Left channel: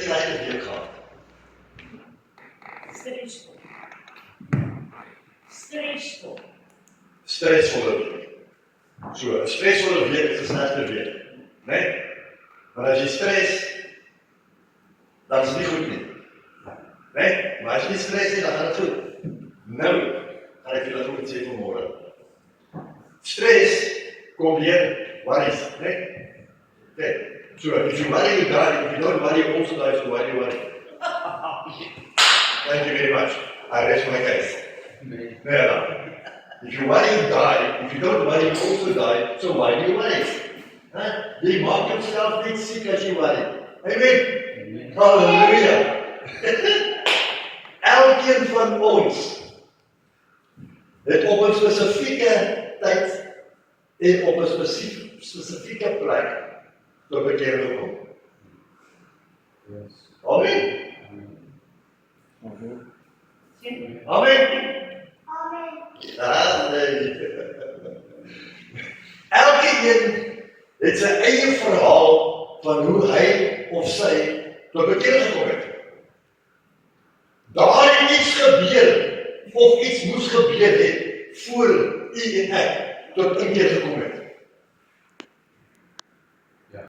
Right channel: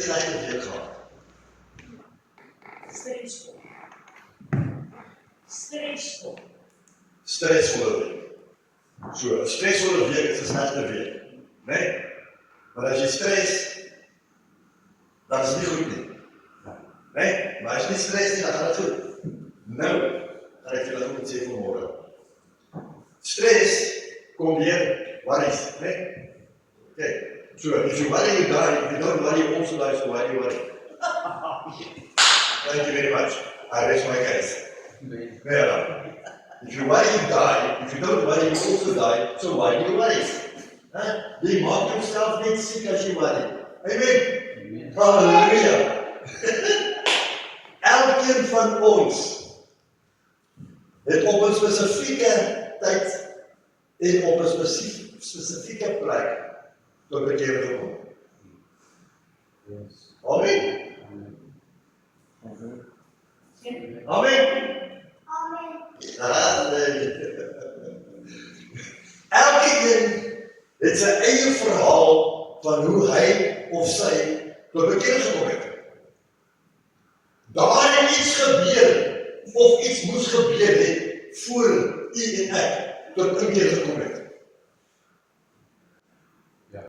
slegte week gehad. Stresvol. Stresvol. Stresvolle week. So, 'n stresvolle week is 'n slegte week, né? Maar as jy stres, dan is dit nie goed nie. Né? Maar as jy nie stres nie, dan gaan dit goed. Nou, gaan ek julle goed sê vanmôre. Stress kom deur worries, né? Okay. So, if you worry, you die. If you don't worry, you also die. So why do you worry? Thank you very much. I rest my case. Yeah. If you worry, you die. If you don't worry, you also die. So why do you worry? Huh? Jy maak jouself net siek as jy worry. Amen. Halleluja. Elkeen van ons het op 'n spesifieke tyd en op 'n spesifieke plek tot bekering gekom. Amen. Amen. Elkeen het sy eie verhaal van hoe hy of sy tot bekering gekom het. Daar het iets gebeur of iets moes gebeur het voor u en ek tot inkeer gekom het.